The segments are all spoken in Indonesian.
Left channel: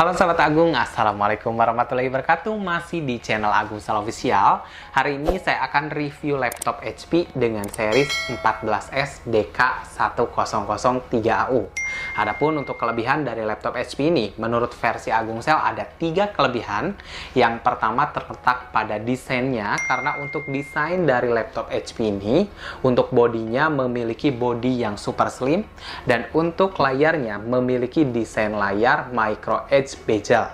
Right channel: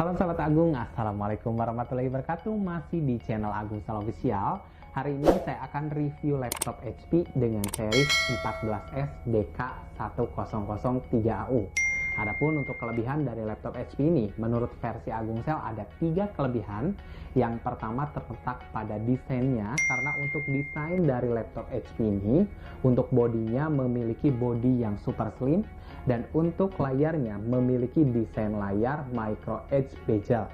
Halo Sobat Agung, Assalamualaikum warahmatullahi wabarakatuh. Masih di channel Agung Official. Hari ini saya akan review laptop HP dengan series 14s-DK1003AU. Adapun untuk kelebihan dari laptop HP ini, menurut versi Agung ada 3 kelebihan. Yang pertama terletak pada desainnya, karena untuk desain dari laptop HP ini, untuk bodinya memiliki bodi yang super slim, dan untuk layarnya memiliki desain layar micro edge bezel.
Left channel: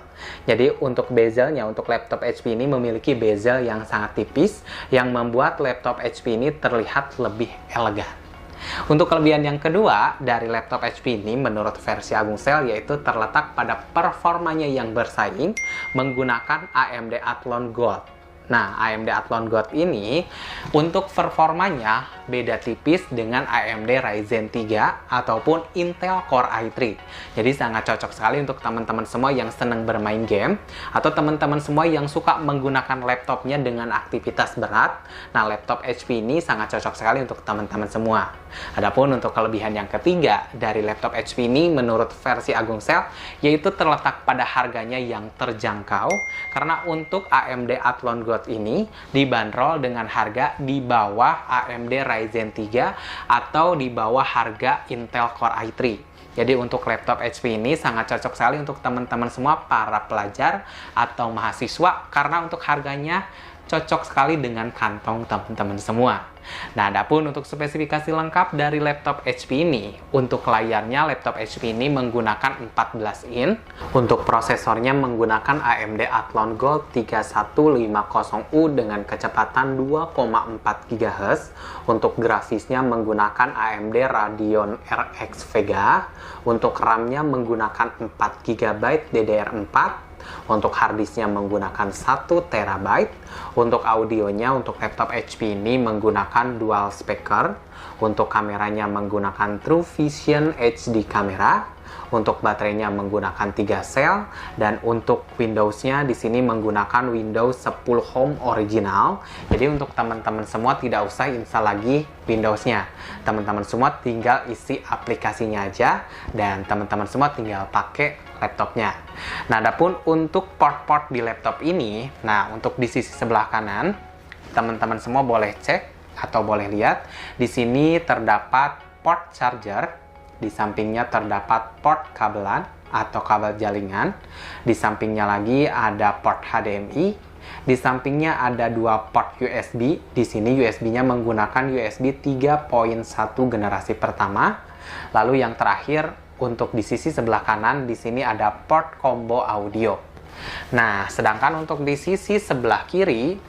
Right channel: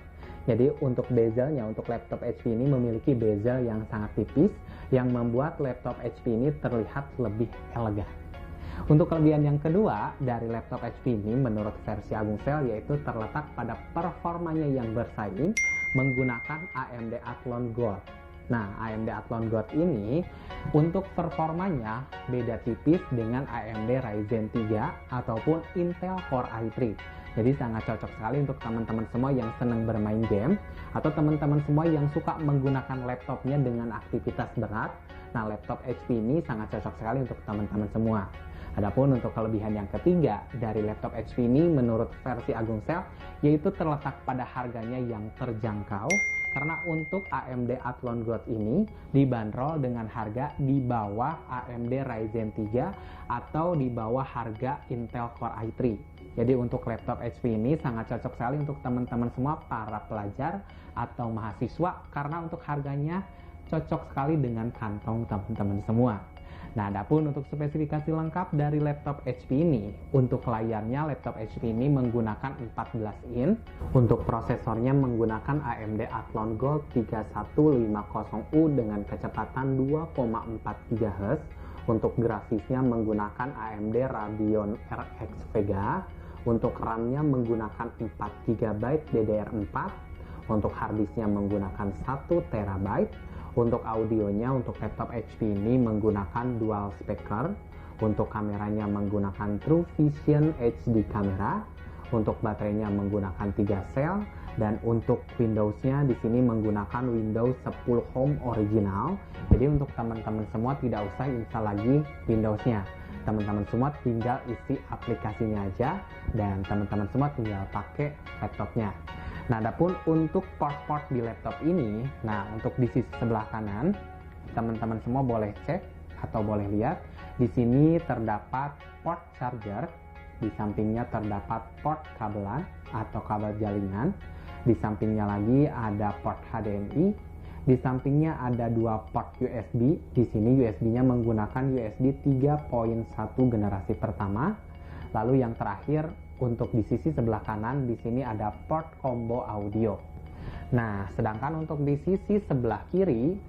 Jadi untuk bezelnya, untuk laptop HP ini memiliki bezel yang sangat tipis yang membuat laptop HP ini terlihat lebih elegan. Untuk kelebihan yang kedua dari laptop HP ini menurut versi Agung yaitu terletak pada performanya yang bersaing menggunakan AMD Athlon Gold. Nah, AMD Athlon Gold ini untuk performanya beda tipis dengan AMD Ryzen 3 ataupun Intel Core i3. Jadi sangat cocok sekali untuk teman-teman semua yang senang bermain game atau teman-teman semua yang suka menggunakan laptopnya dengan aktivitas berat. Nah, laptop HP ini sangat cocok sekali untuk teman-teman semua. Adapun untuk kelebihan yang ketiga dari laptop HP ini menurut versi Agung yaitu terletak pada harganya yang terjangkau, karena untuk AMD Athlon Gold ini dibanderol dengan harga di bawah AMD Ryzen 3 atau di bawah harga Intel Core i3. Jadi untuk laptop HP ini sangat cocok sekali untuk teman-teman semua para pelajar atau mahasiswa, karena untuk harganya cocok sekali dengan kantong teman-teman semua. Nah, adapun untuk spesifikasi lengkap dari laptop HP ini, untuk layarnya laptop HP ini menggunakan 14 in, untuk prosesornya menggunakan AMD Athlon Gold 3150U dengan kecepatan 2,4 GHz, untuk grafisnya menggunakan AMD Radeon RX Vega, untuk RAM-nya menggunakan 4 GB DDR4, untuk harddisknya menggunakan 1 TB, untuk audionya untuk laptop HP ini menggunakan dual speaker, untuk kameranya menggunakan True Vision HD kamera, untuk baterainya menggunakan 3 sel, dan untuk Windows-nya di sini menggunakan Windows 10 Home original. Jadi untuk teman-teman semua tidak usah install lagi Windows-nya. Teman-teman semua tinggal isi aplikasinya aja dan teman-teman semua tinggal pakai laptopnya. Nah, adapun untuk port-port di laptop ini, nah untuk di sisi sebelah kanan, teman-teman semua boleh cek atau boleh lihat. Di sini terdapat port charger. Di sampingnya terdapat port kabelan atau kabel jaringan. Di sampingnya lagi ada port HDMI. Di sampingnya ada 2 port USB. Di sini USB-nya menggunakan USB 3.1 generasi pertama. Lalu yang terakhir untuk di sisi sebelah kanan di sini ada port combo audio. Nah, sedangkan untuk di sisi sebelah kiri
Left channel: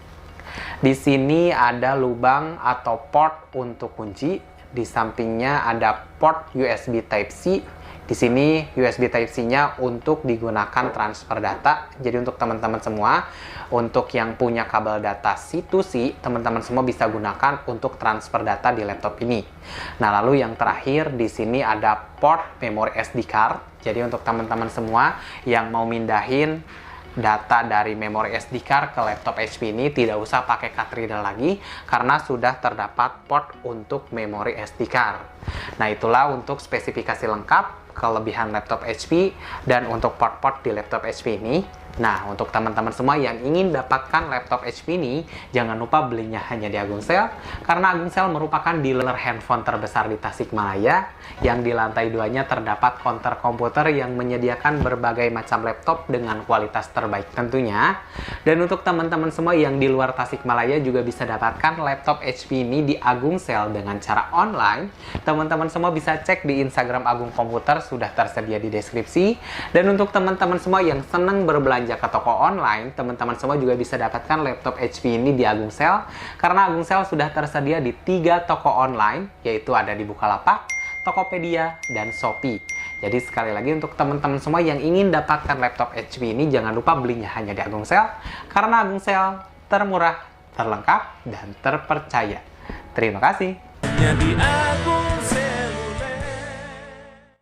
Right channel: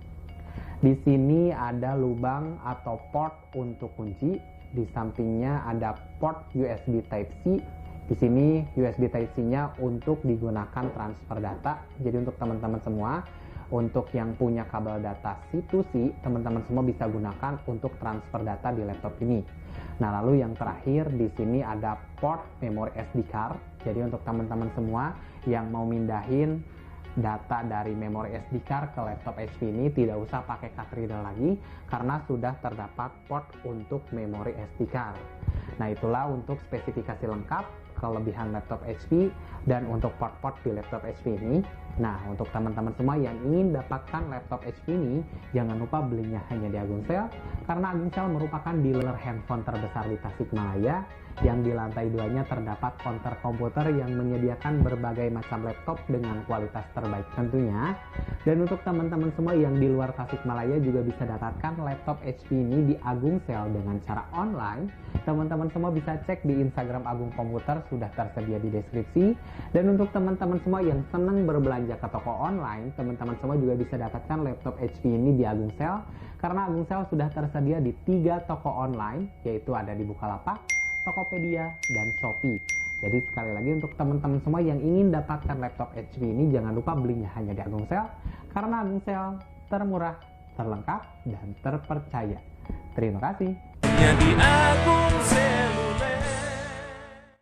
di sini ada lubang atau port untuk kunci. Di sampingnya ada port USB Type-C. Di sini USB Type-C-nya untuk digunakan transfer data. Jadi untuk teman-teman semua, untuk yang punya kabel data C2C, teman-teman semua bisa gunakan untuk transfer data di laptop ini. Nah, lalu yang terakhir di sini ada port memori SD card. Jadi untuk teman-teman semua yang mau mindahin data dari memori SD card ke laptop HP ini tidak usah pakai card reader lagi, karena sudah terdapat port untuk memori SD card. Nah, itulah untuk spesifikasi lengkap, kelebihan laptop HP, dan untuk port-port di laptop HP ini. Nah, untuk teman-teman semua yang ingin dapatkan laptop HP ini, jangan lupa belinya hanya di Agung karena Agung merupakan dealer handphone terbesar di Tasikmalaya, yang di lantai 2-nya terdapat counter komputer yang menyediakan berbagai macam laptop dengan kualitas terbaik tentunya. Dan untuk teman-teman semua yang di luar Tasikmalaya juga bisa dapatkan laptop HP ini di Agung dengan cara online. Teman-teman semua bisa cek di Instagram Agung Komputer, sudah tersedia di deskripsi. Dan untuk teman-teman semua yang senang berbelanja ke toko online, teman-teman semua juga bisa dapatkan laptop HP ini di Agung karena Agung sudah tersedia di 3 toko online, yaitu ada di Bukalapak, Tokopedia, dan Shopee. Jadi sekali lagi untuk teman-teman semua yang ingin dapatkan laptop HP ini, jangan lupa belinya hanya di Agung karena Agung termurah, terlengkap, dan terpercaya. Terima kasih. Hanya di Agung.